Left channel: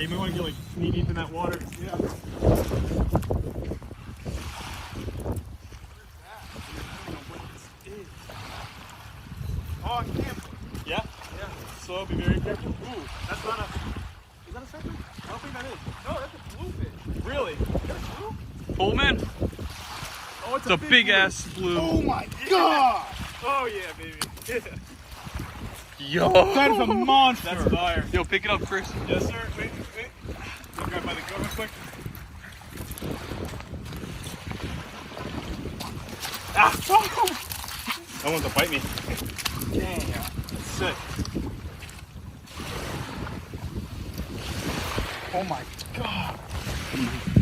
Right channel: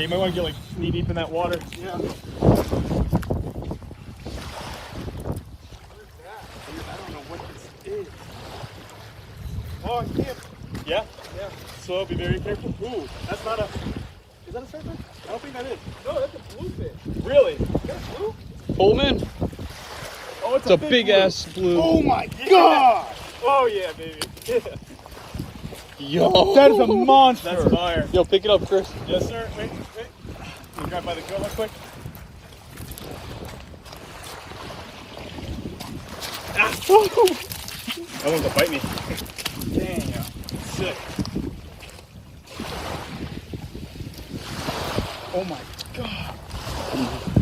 Yeah, you might want to get like knee deep in that water. Yeah. What is that? Dude, I don't know what this is. Oh, yeah. Yeah? Yeah. So be very careful. Ooh, that's not a... Is that a surfer? I don't think that is. No, that's a bluefish. Really? Is that blue? Pull him in. Oh, it's It's a big blue. ass blue. Oh my god! Oh yeah, baby. Yo. That is a monster. That's fire. Yo, pick it up, Chris. Yes, sir. Wait. Can you grab by the gun real quick? Ah! That one's gonna bite me. Damn. Sick. Oh my god.